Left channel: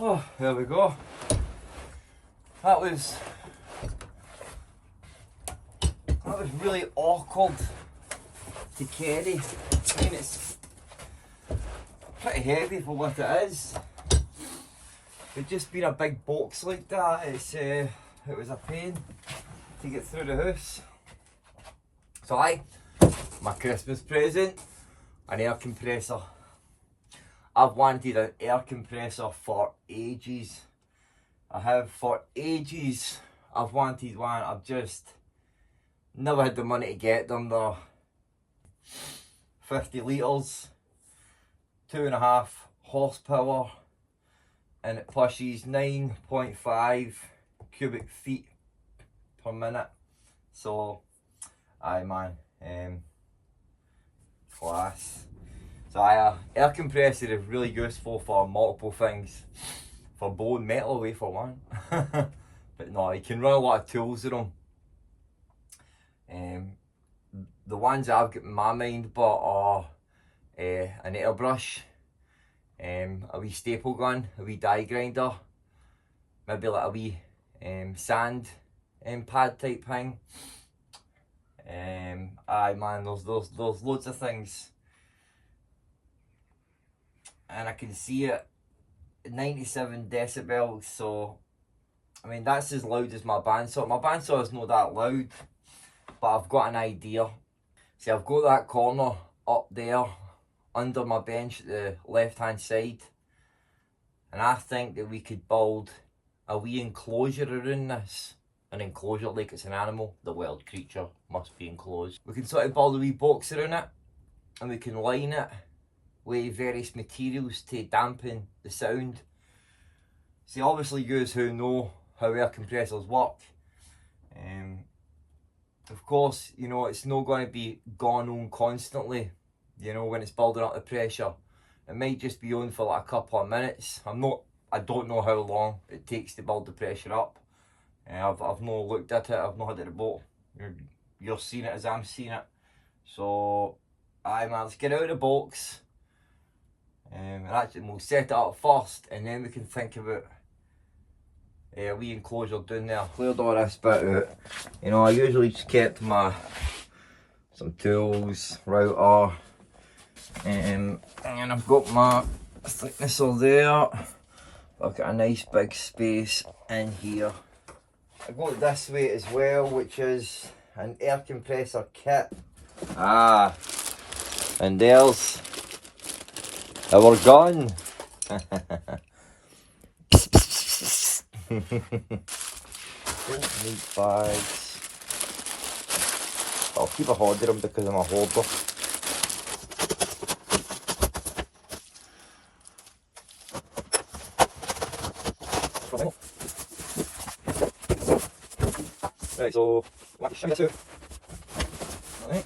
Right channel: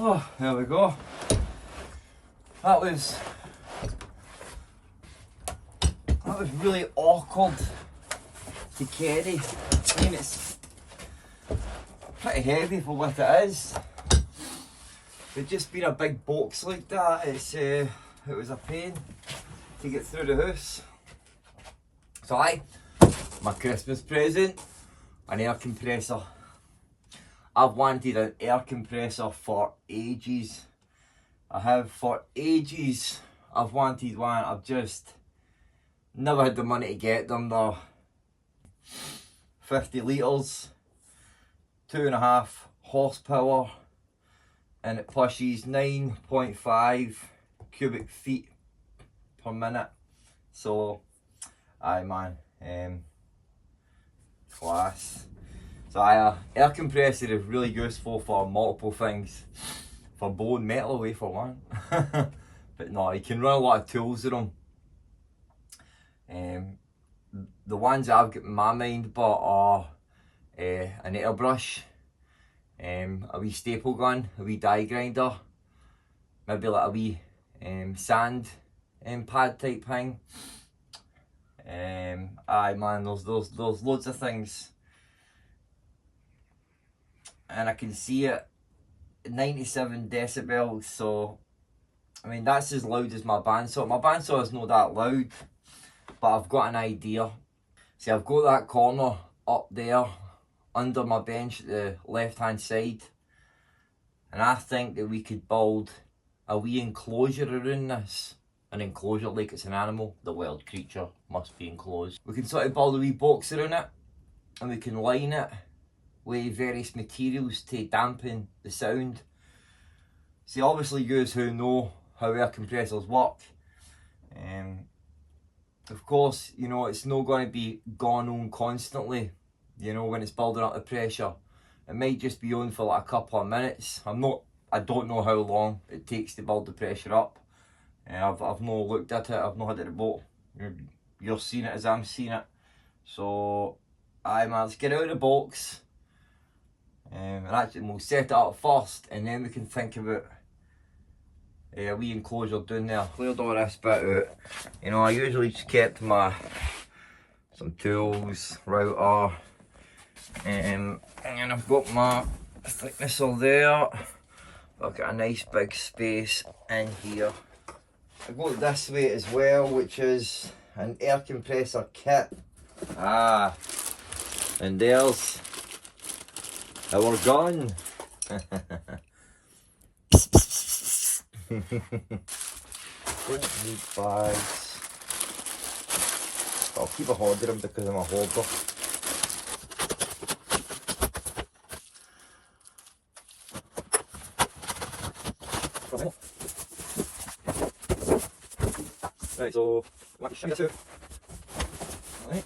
Oh, there we go. That was really awkward to carry. I mean, it's pretty heavy for what it is. But just being a big box like that, it was a pain to get through the house. So my Christmas present, an air compressor. I've wanted an air compressor for ages. I have for ages. I've wanted one. I've just never had the money to get them. They're 50 litres, 2.5 horsepower, and it pushes 9.5 cubic feet per minute. So, aye man, class. So air compressor is really useful for multiple things. For blowing metal away for one. But no, you can run a lot of tools with them. The ones I've got in my mind but are an airbrush, a wee staple gun, a wee die grinder, maybe like a wee sand pad type thing. Aye man, there's loads of things. And I can see it 97 decibels, so I mean that's as loud as my bandsaw. My bandsaw is not that loud, but I've got an idea. See, I've got that corner up there under my bench at the left hand side, and I think that we could build a wee enclosure around this. An enclosure like it's an animal, the wild creature must be enclosed. We can sort of build a wee box around it, and we can line it with various materials to dampen the sound. See, obviously you who know how air compressors work, of course, you know, it's not going to be gone on constantly, you know, when it's building up the pressure. It might just be on for like a couple of minutes. I don't know how long it takes to build the pressure up. I've not looked at it, I've not had it about. You're seeing it as I'm seeing it. So, aye man, let's get out of the box. And actually we'll set it up first, and then we can think about a wee enclosure down there. Cleared all this bit out. You know, I usually just kept some tools, router, and I've got my thicknesser there. I've got a nice big space in here. I go this way as well, which is an air compressor kit. And there's our gun. Don't need bags. I'll keep a hoarder them because I'm a hoarder. Right, so let's shimmy this out. Alright,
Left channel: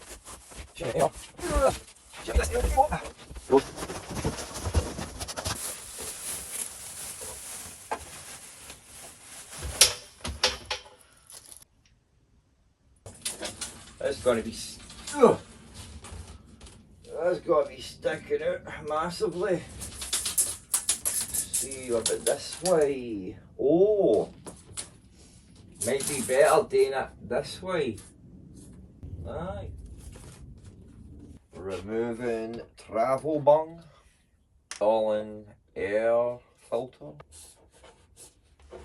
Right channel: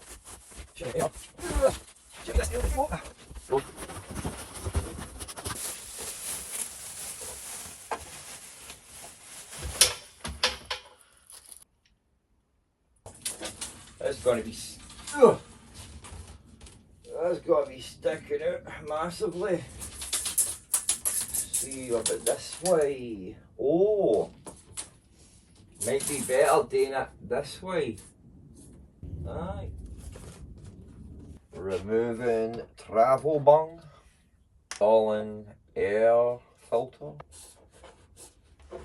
shimmy it here. Shimmy this here. Go. That's going to be sticking out massively. See a bit this way. Oh, might be better doing it this way. Aye. Removing travel bung. Installing air filter.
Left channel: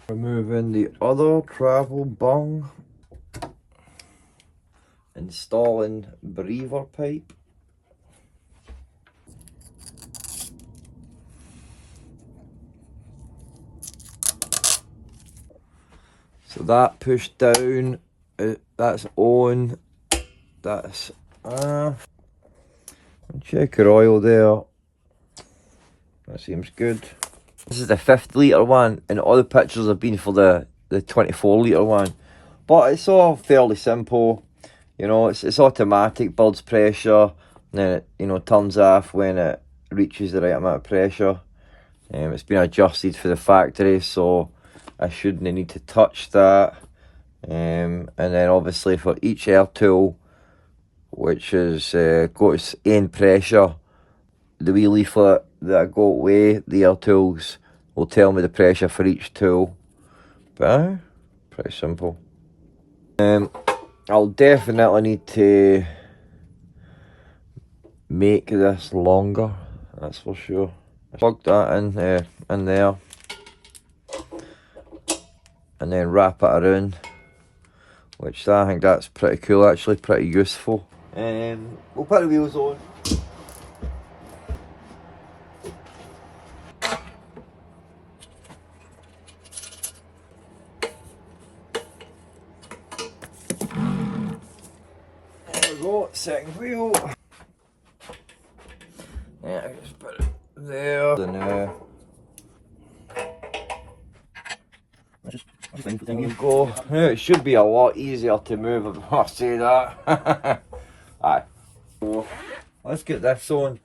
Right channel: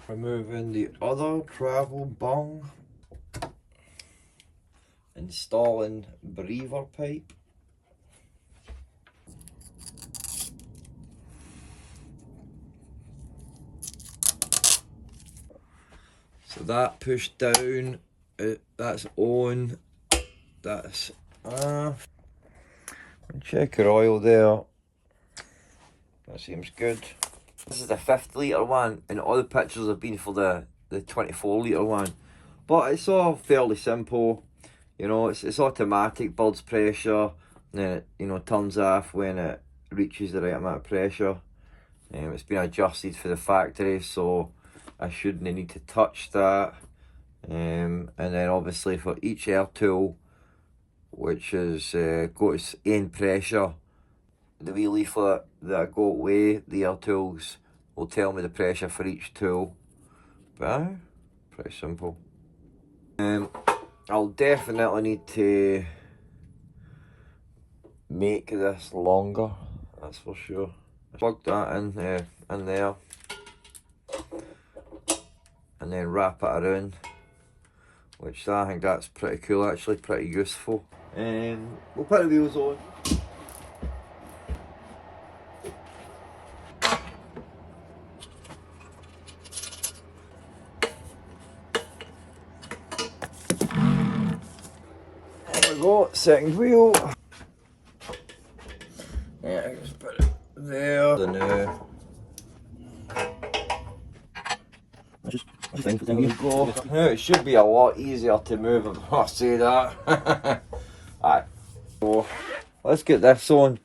Removing the other travel bung. Installing breather pipe. So that pushed down, that's on, that's check your oil there, that seems good. This is the 50 litre one, and all the pictures have been for the 24 litre one, but it's all fairly simple. You know, it's automatic, builds pressure, and then it, you know, turns off when it reaches the right amount of pressure. It's been adjusted for the factory, so I shouldn't need to touch that. And then obviously for each air tool, which is got its own pressure, the wee leaflet that I got away, the air tools will tell me the pressure for each tool. But pretty simple. I'll definitely need to make this longer, that's for sure. Plug that in there, and then wrap it around, which I think that's pretty cool, actually pretty useful. We'll put the wheels on. There we go, second wheel. Yeah, I just put it there. There we go. Now it should be a lot easier to move if I say that. Alright, so let's get this on.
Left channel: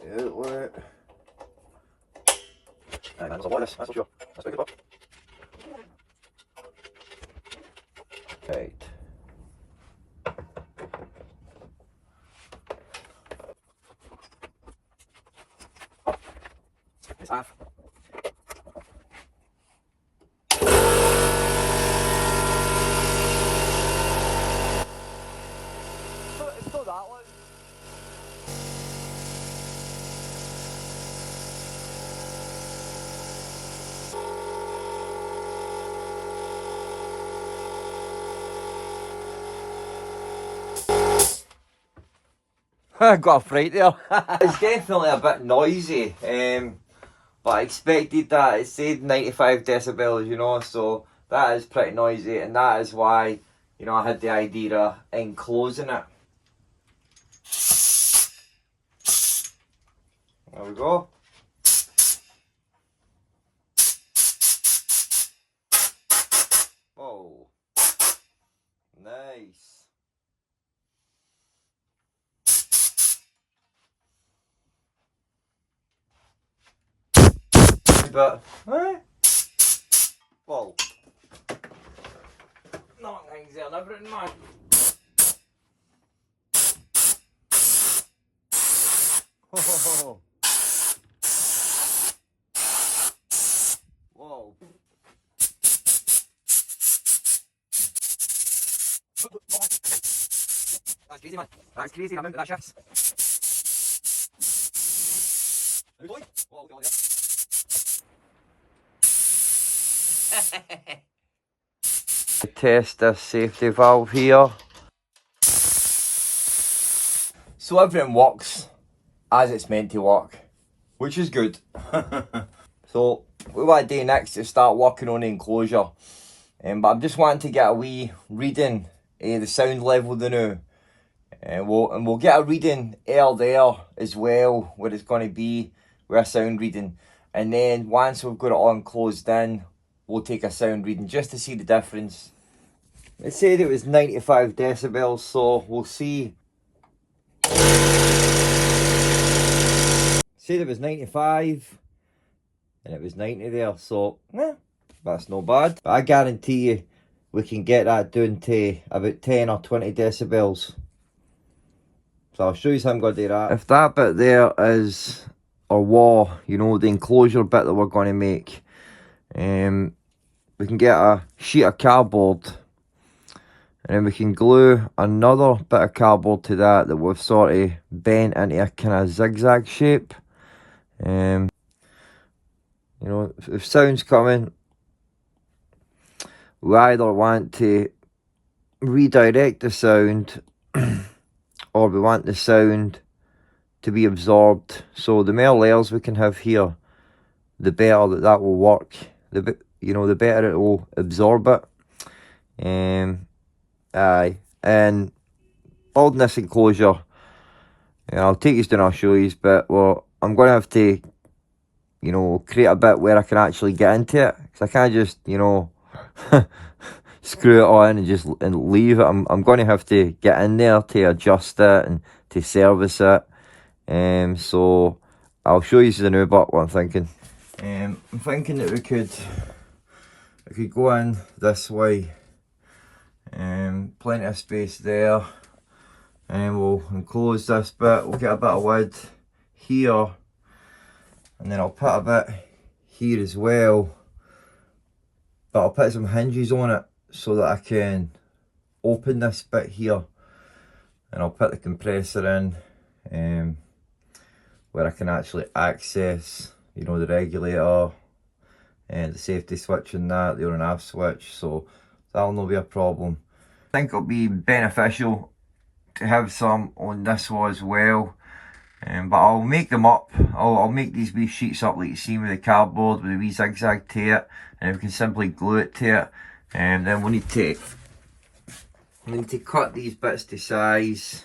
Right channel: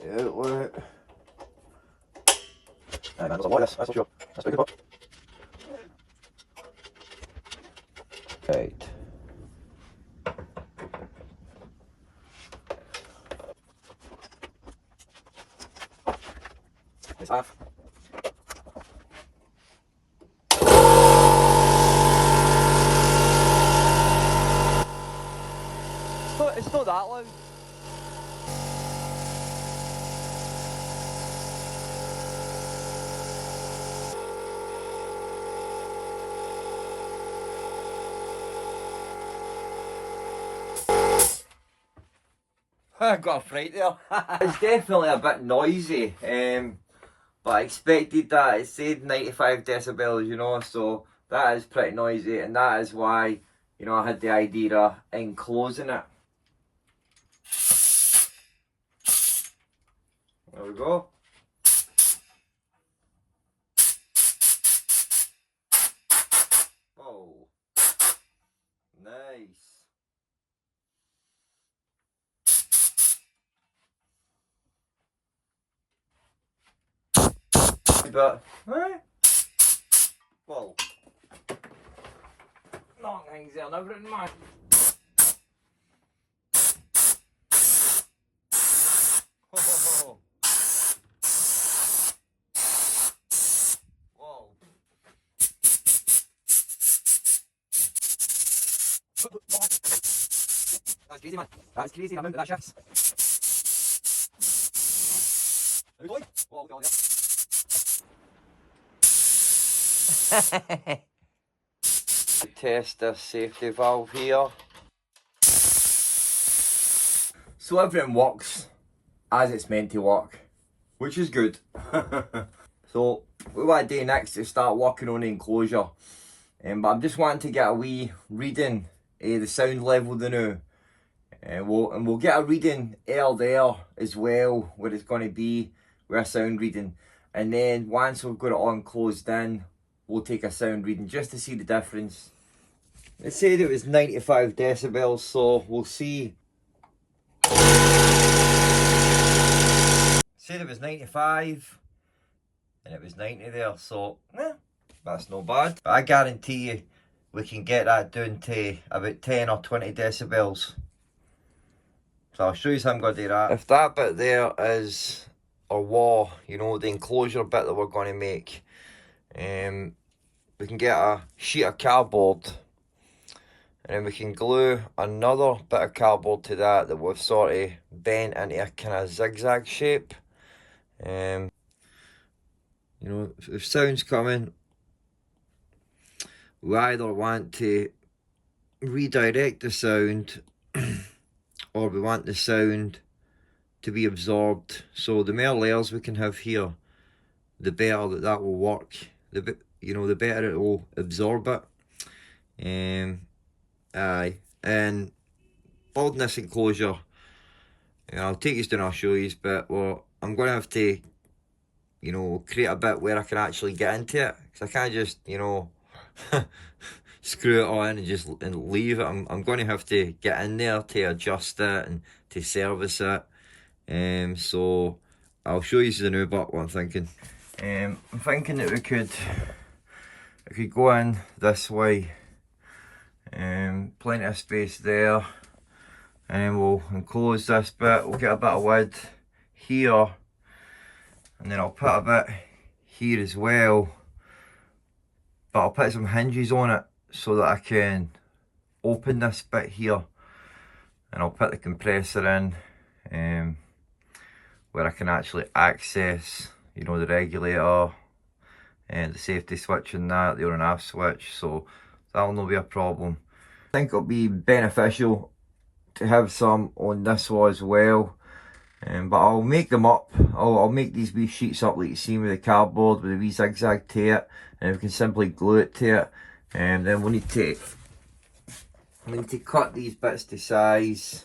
The outlet. That's a lot of this, that's for sure. That's pretty good. Right. It's half. It's not that loud. I got a fright there. It's definitely a bit noisy, but I expected that. It said 95 decibels, you know, so that is pretty noisy, and that is why, you know, I had the idea of enclosing it. There we go. Oh, nice. But, well, not things there, never in mind. Whoa. That's crazy, man. That's crazy, I'm into that shifts. Are we going? Whoa, look at Test this safety valve here. So everything works as it's meant to work, which is good. So what I do next is start working on the enclosure, but I'm just wanting to get a wee reading the sound level now, and we'll get a reading there as well, where it's going to be with a sound reading, and then once we've got it all enclosed in, we'll take a sound reading just to see the difference. It said it was 95 decibels, so we'll see. Said it was 95 and it was 90 there, so that's no bad. But I guarantee you we can get that down to about 10 or 20 decibels. So I'll show you how I'm going to do that. If that bit there is our wall, you know, the enclosure bit that we're going to make, we can get a sheet of cardboard, and then we can glue another bit of cardboard to that we've sort of bent into a kind of zigzag shape. You know, if sound's coming, we either want to redirect the sound or we want the sound to be absorbed. So the more layers we can have here, the better that will work. The better it will absorb it. Aye, and building this enclosure, I'll take you down, I'll show you, but well, I'm going to have to, you know, create a bit where I can actually get into it, because I can't just, you know, screw it on and leave it. I'm going to have to get in there to adjust it and to service it. So I'll show you the new bit what I'm thinking. I'm thinking that we could go in this way. Plenty of space there, and then we'll enclose this bit. We'll get a bit of wood here, and then I'll put a bit here as well, but I'll put some hinges on it so that I can open this bit here, and I'll put the compressor in where I can actually access, you know, the regulator and the safety switch and that, the on and off switch, so that'll not be a problem. I think it'll be beneficial to have some on this one as well, but I'll make them up. I'll make these wee sheets up like you see with the cardboard with a wee zigzag to it, and we can simply glue it to it, and then we'll need to cut these bits to size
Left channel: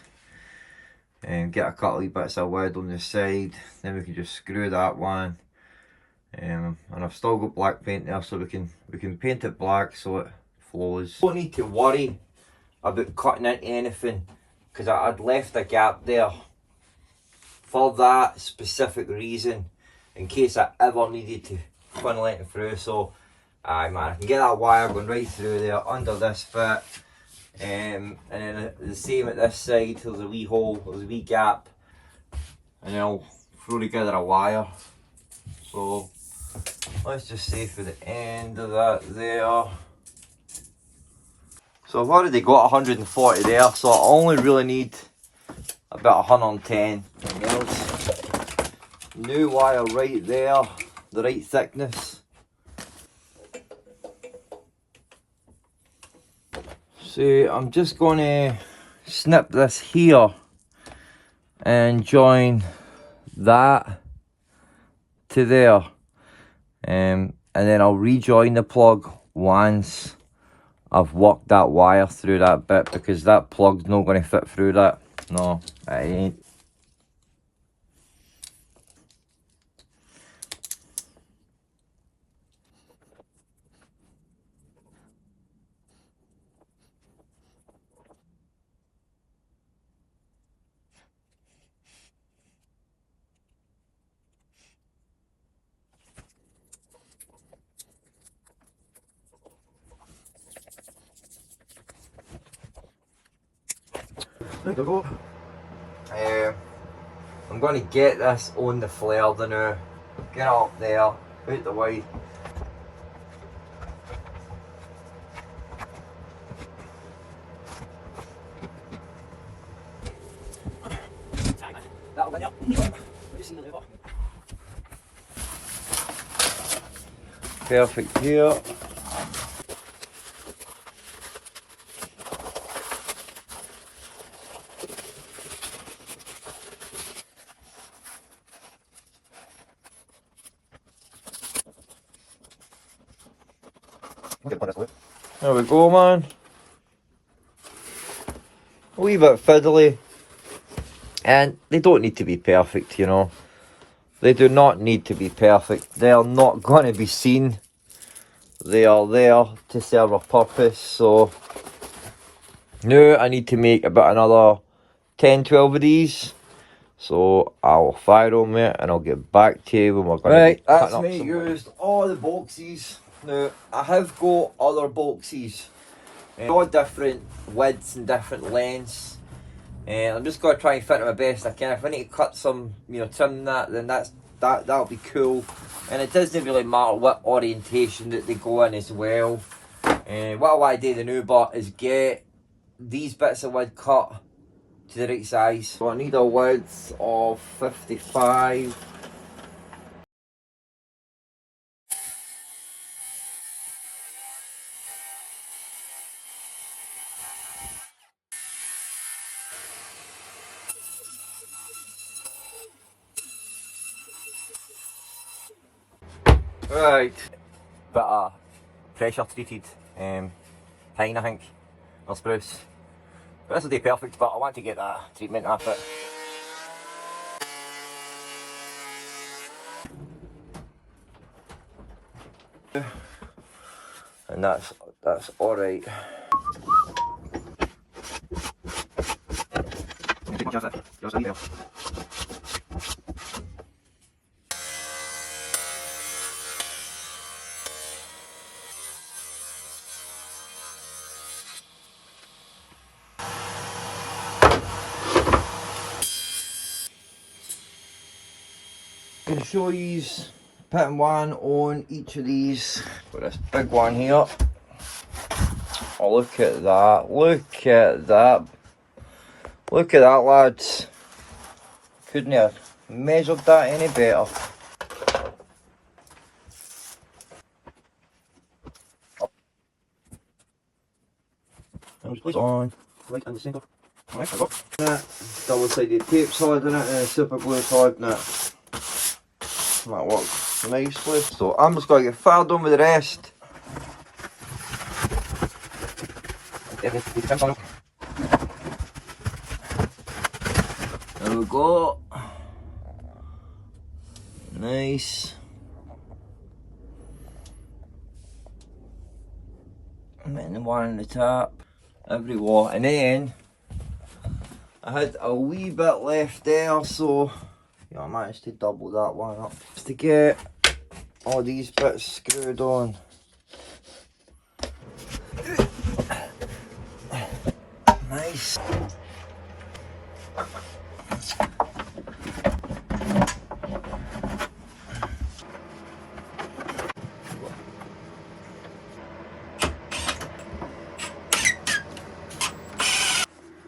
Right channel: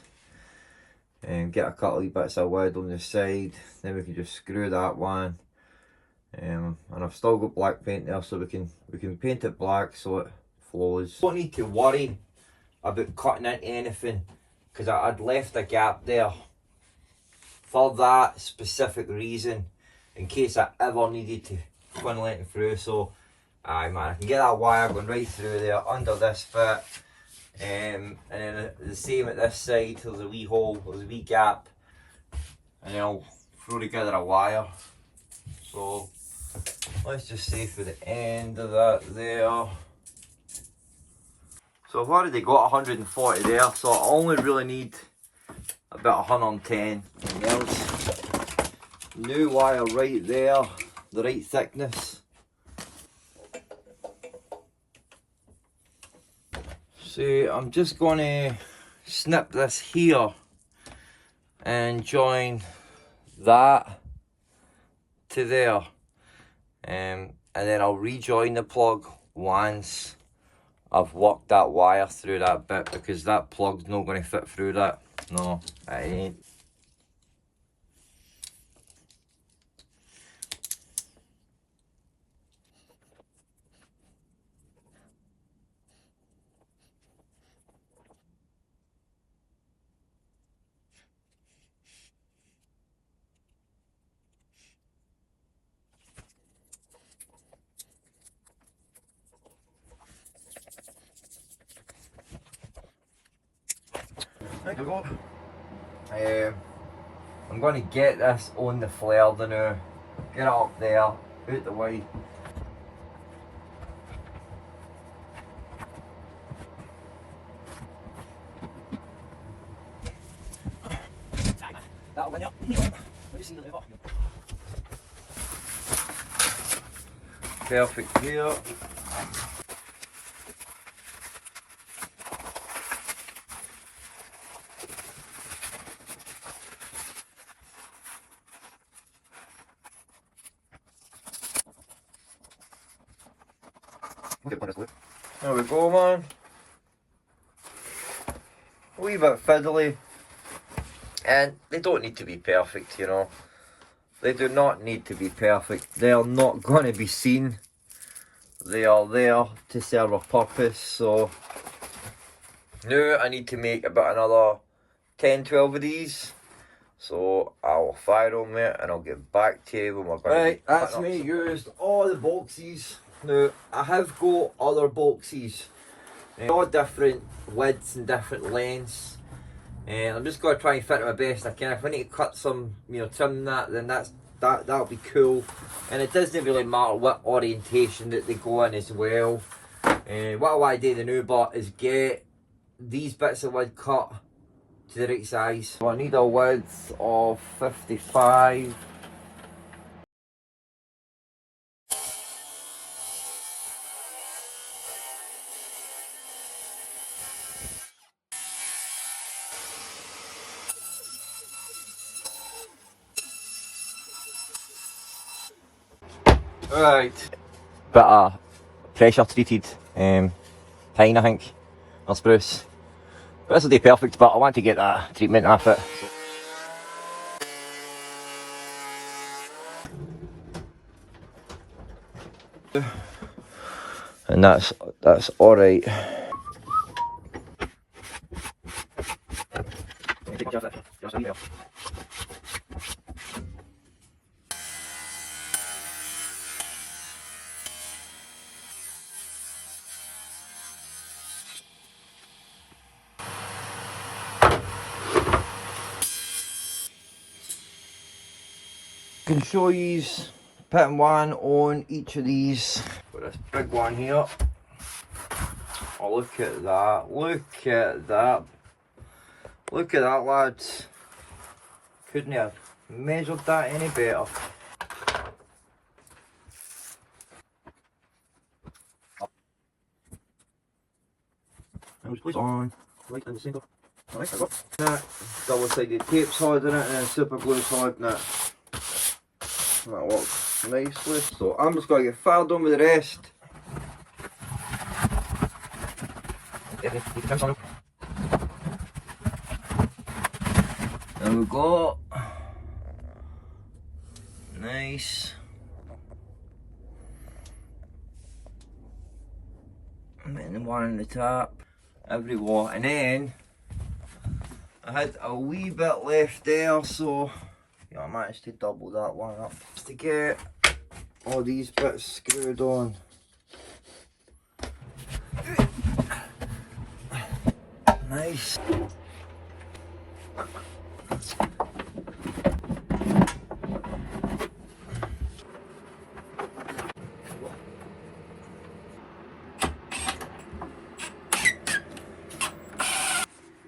and get a couple of bits of wood on the side. Then we can just screw that one, and I've still got black paint there, so we can paint it black so it flows. Don't need to worry about cutting into anything, because I'd left a gap there for that specific reason, in case I ever needed to funnel it through. So aye man, I can get that wire going right through there under this bit, and then the same at this side. There's a wee hole, there's a wee gap, and then I'll throw together a wire. So let's just say for the end of that there. So I've already got 140 there, so I only really need about 110. And there's new wire right there, the right thickness. So I'm just going to snip this here and join that to there, and then I'll rejoin the plug once I've worked that wire through that bit, because that plug's not going to fit through that. No, it ain't. There you go. I'm going to get this on the flare now. Get it up there, out the way. That'll win up. Perfect here. There we go, man. A wee bit fiddly, and they don't need to be perfect, you know. They do not need to be perfect. They are not going to be seen. They are there to serve a purpose. So now I need to make about another 10-12 of these. So I'll fire them it and I'll get back to you when we're going to. Right, that's me used all the boxes. Now I have got other boxes, all different widths and different lengths, and I'm just going to try and fit it my best I can. If I need to cut some, you know, trim that, then that'll be cool. And it doesn't really matter what orientation that they go in as well. And what I want to do the new part is get these bits of wood cut to the right size. So I need a width of 55. Right. Bit of pressure treated pine, I think, or spruce. But this will do perfect, but I want to get that treatment off it. And that's alright. can show you putting one on each of these. Got this big one here. Oh, look at that. Look at that. Look at that, lads. Couldn't have measured that any better. I'll just place it on right in the centre. Right, I've got that. Double-sided tape solid on it and then super glue solid on it. That works nicely. So I'm just going to get fired on with the rest. There we go. Nice. And then the one on the top. Everywhere. And then I had a wee bit left there, so I managed to double that one up. Just to get all these bits screwed on. Nice.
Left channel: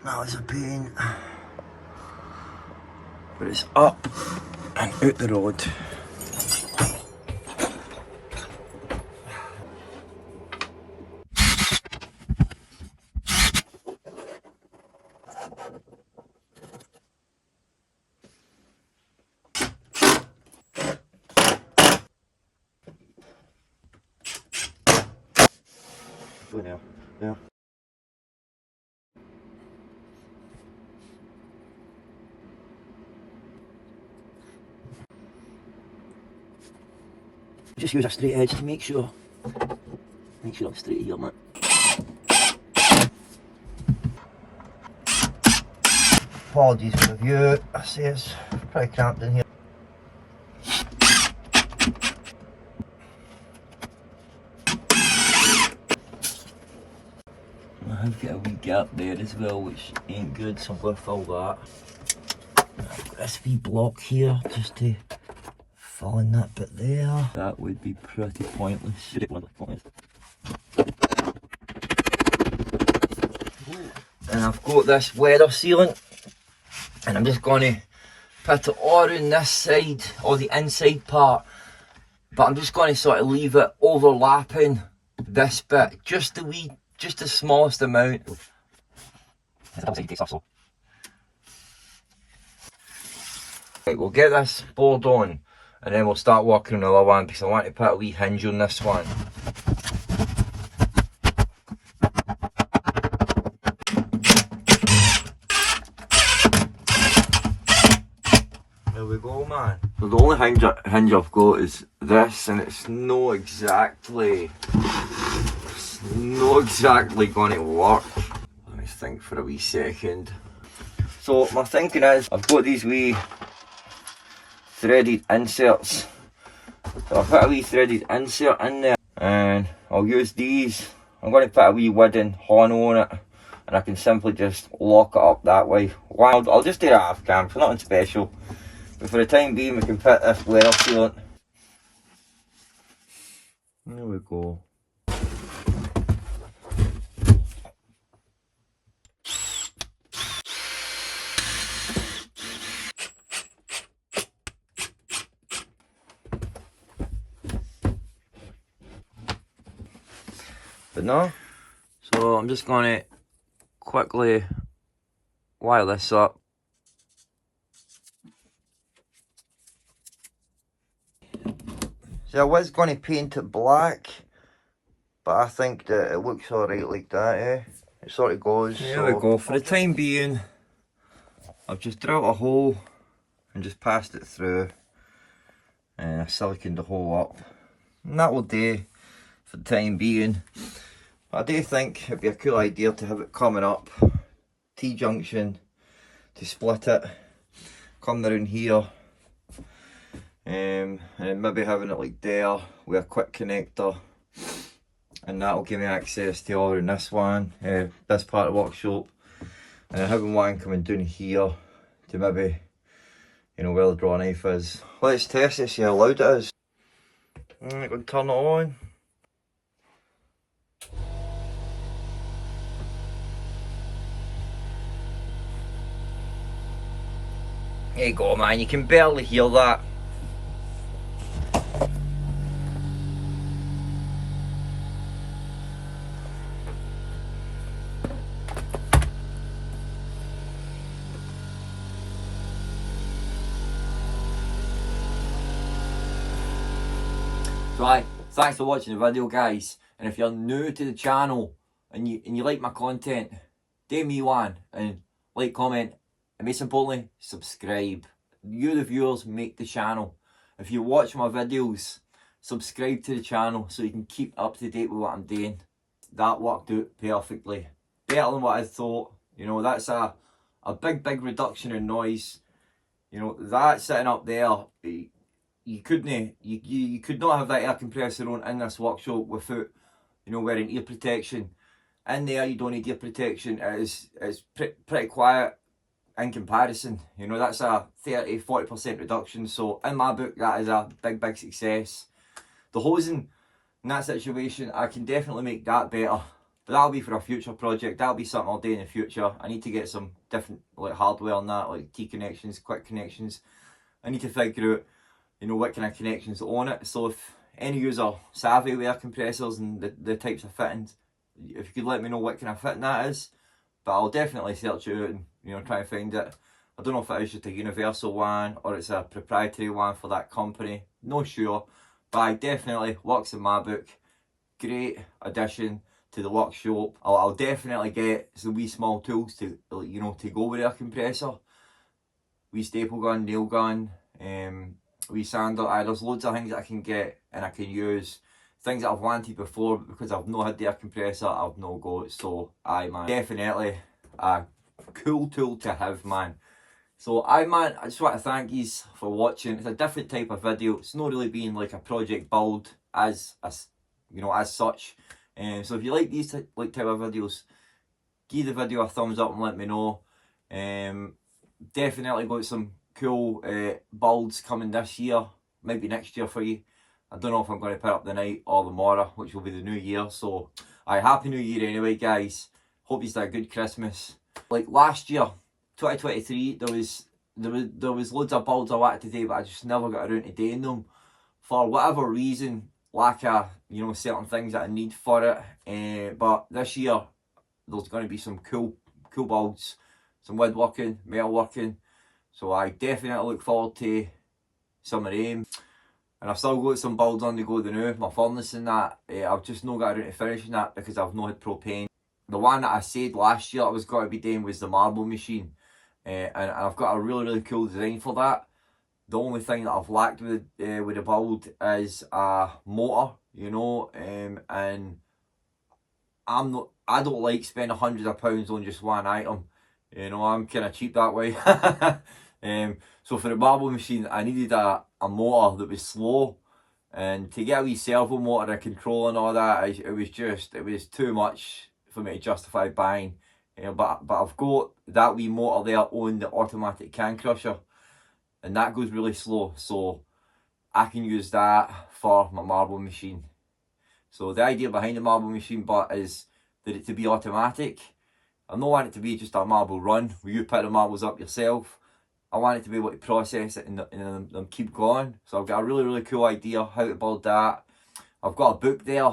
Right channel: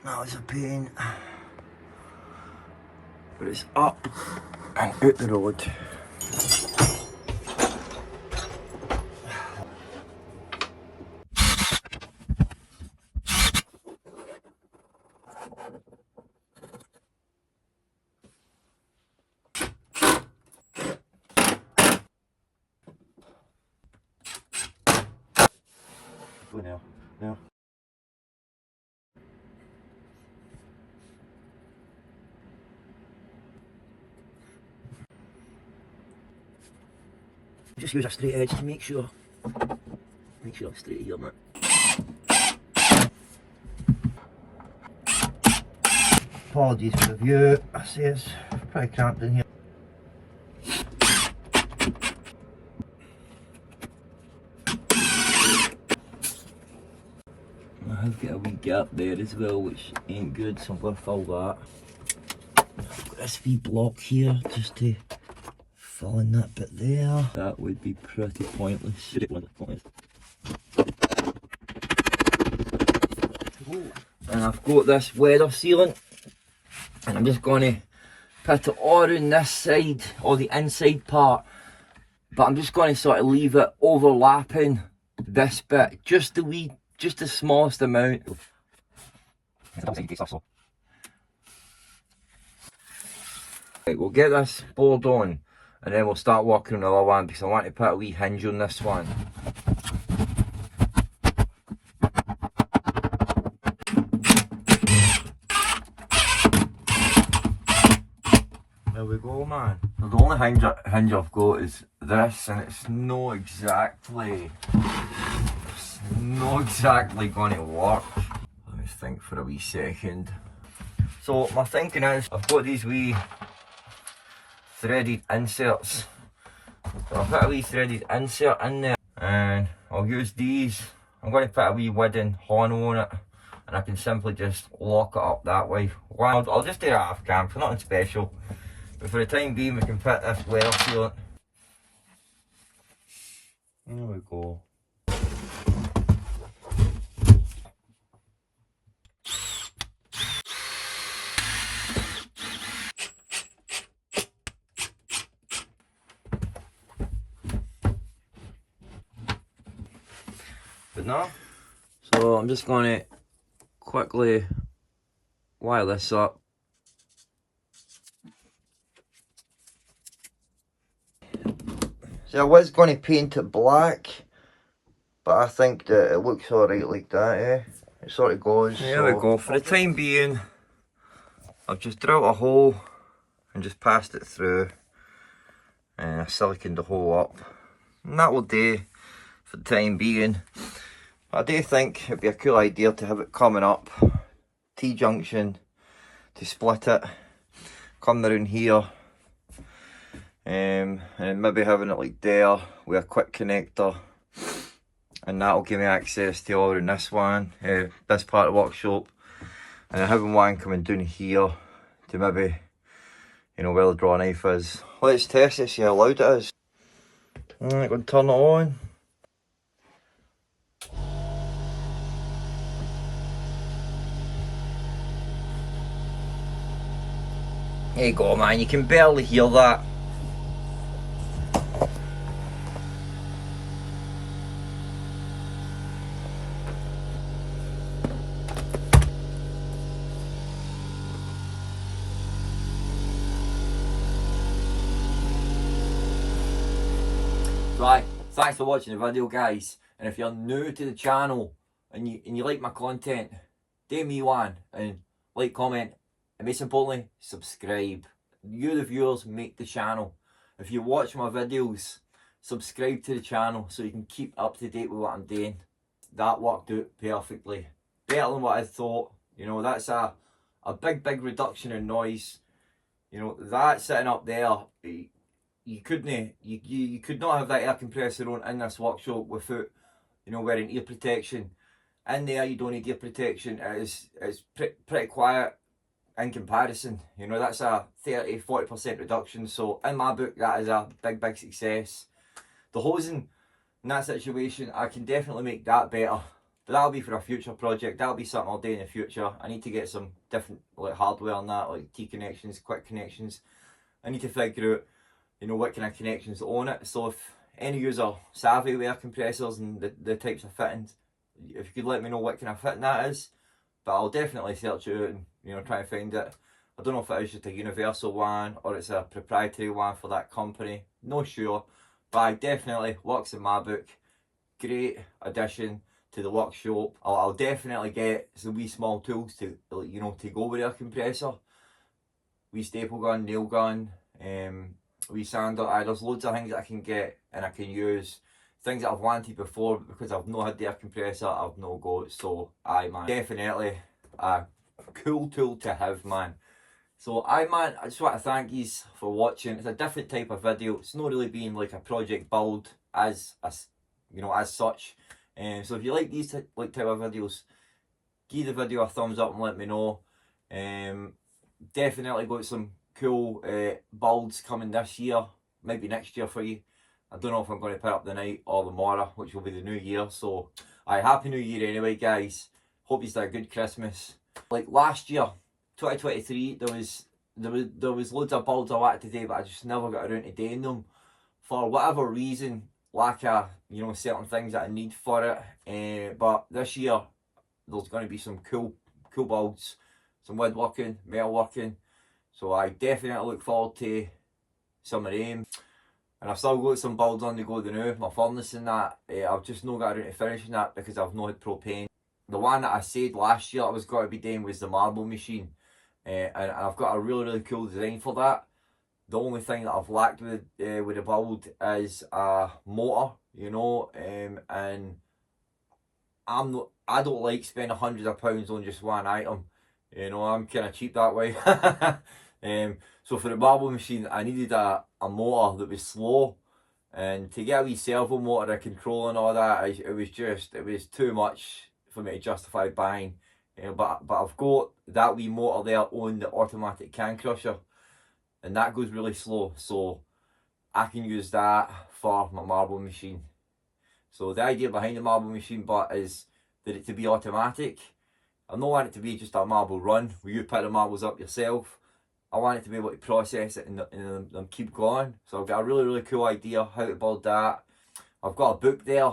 That was a pain, but it's up and out the road. Yeah. Just use a straight edge to make sure I'm straight here, man. Apologies for the view. I say it's pretty cramped in here. I have got a wee gap there as well, which ain't good, so I'm going to fill that. I've got this wee block here just to fill in that bit there. That would be pretty pointless. And I've got this weather sealant, and I'm just going to put it all around this side, or the inside part, but I'm just going to sort of leave it overlapping this bit, just the smallest amount. Right, we'll get this board on and then we'll start working on the other one, because I want to put a wee hinge on this one. There we go, man. So the only hinge I've got is this, and it's not exactly going to work. Let me think for a wee second. So my thinking is, I've got these wee threaded inserts. So I'll put a wee threaded insert in there, and I'll use these. I'm going to put a wee wooden horn on it, and I can simply just lock it up that way. Well, I'll just do it off cam, for nothing special. But for the time being, we can put this weather sealant. There we go. But no, so I'm just going to quickly wire this up. So I was going to paint it black, but I think that it looks alright like that, eh? It sort of goes. There we go. For the time being, I've just drilled a hole and just passed it through, and I siliconed the hole up, and that will do for the time being. I do think it'd be a cool idea to have it coming up T-junction, to split it, come around here, and maybe having it like there with a quick connector, and that'll give me access to all around this one, this part of the workshop, and then having one coming down here to maybe you know, where the draw knife is. Let's test this, see how loud it is. Alright, go and turn it on. There you go, man, you can barely hear that. Right, thanks for watching the video, guys. And if you're new to the channel and you like my content, do me one and like, comment, and most importantly, subscribe. You the viewers make the channel. If you watch my videos, subscribe to the channel so you can keep up to date with what I'm doing. That worked out perfectly. Better than what I thought. You know, that's a big reduction in noise. You know, that sitting up there, you could not have that air compressor on in this workshop without, you know, wearing ear protection. In there you don't need ear protection. It's pretty quiet in comparison. You know, that's a 30-40% reduction, so in my book that is a big success. The hosing in that situation, I can definitely make that better, but that'll be for a future project. That'll be something I'll do in the future. I need to get some different like hardware on that, like T connections, quick connections. I need to figure out, you know, what kind of connections on it. So if any user savvy with air compressors and the types of fittings, if you could let me know what kind of fitting that is. But I'll definitely search it out and, you know, try and find it. I don't know if it is just a universal one or it's a proprietary one for that company. No sure, but I definitely works in my book. Great addition to the workshop. I'll definitely get some wee small tools to, you know, to go with the air compressor. Wee staple gun, nail gun, wee sander. There's loads of things that I can get and I can use. Things that I've wanted before, but because I've not had the air compressor, I've no got. So man, definitely a cool tool to have, man. So man, I just want to thank you for watching. It's a different type of video. It's not really being like a project build as you know, as such. So if you like these type of videos, give the video a thumbs up and let me know. Definitely got some cool builds coming this year, maybe next year for you. I don't know if I'm going to put up the night or the morrow, which will be the new year. So, happy new year anyway, guys. Hope you've had a good Christmas. Like last year, 2023, there was loads of builds I wanted to do, but I just never got around to doing them for whatever reason. Lack of, you know, certain things that I need for it. But this year, there's going to be some cool builds, some woodworking, metalworking. So I definitely look forward to some of them. And I've still got some builds on the go now, my furnace and that. I've just not got around to finishing that because I've not had propane. The one that I said last year I was going to be doing was the marble machine. And I've got a really cool design for that. The only thing that I've lacked with the build is a motor, you know, and I don't like spending hundreds of pounds on just one item. You know, I'm kind of cheap that way. So for the marble machine, I needed a motor that was slow, and to get a wee servo motor and control and all that, it was too much for me to justify buying. But I've got that wee motor there on the automatic can crusher, and that goes really slow, so I can use that for my marble machine. So the idea behind the marble machine but is that it to be automatic. I don't want it to be just a marble run where you pick the marbles up yourself. I want it to be able to process it and keep going. So I've got a really cool idea how to build that. I've got a book there,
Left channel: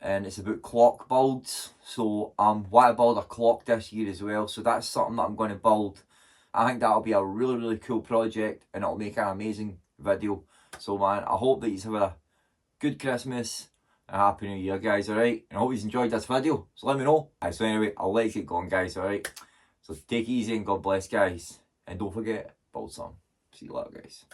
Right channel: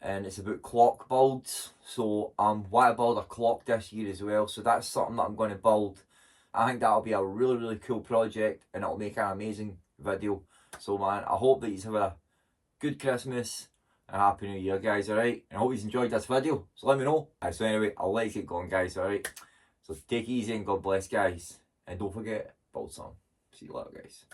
and it's about clock builds. So want to build a clock this year as well. So that's something that I'm going to build. I think that'll be a really cool project, and it'll make an amazing video. So man, I hope that you have a good Christmas and a happy new year, guys, alright? And I hope you enjoyed this video. So let me know. So anyway, I'll let you get going, guys, alright? So take it easy and God bless, guys. And don't forget, build some. See you later, guys.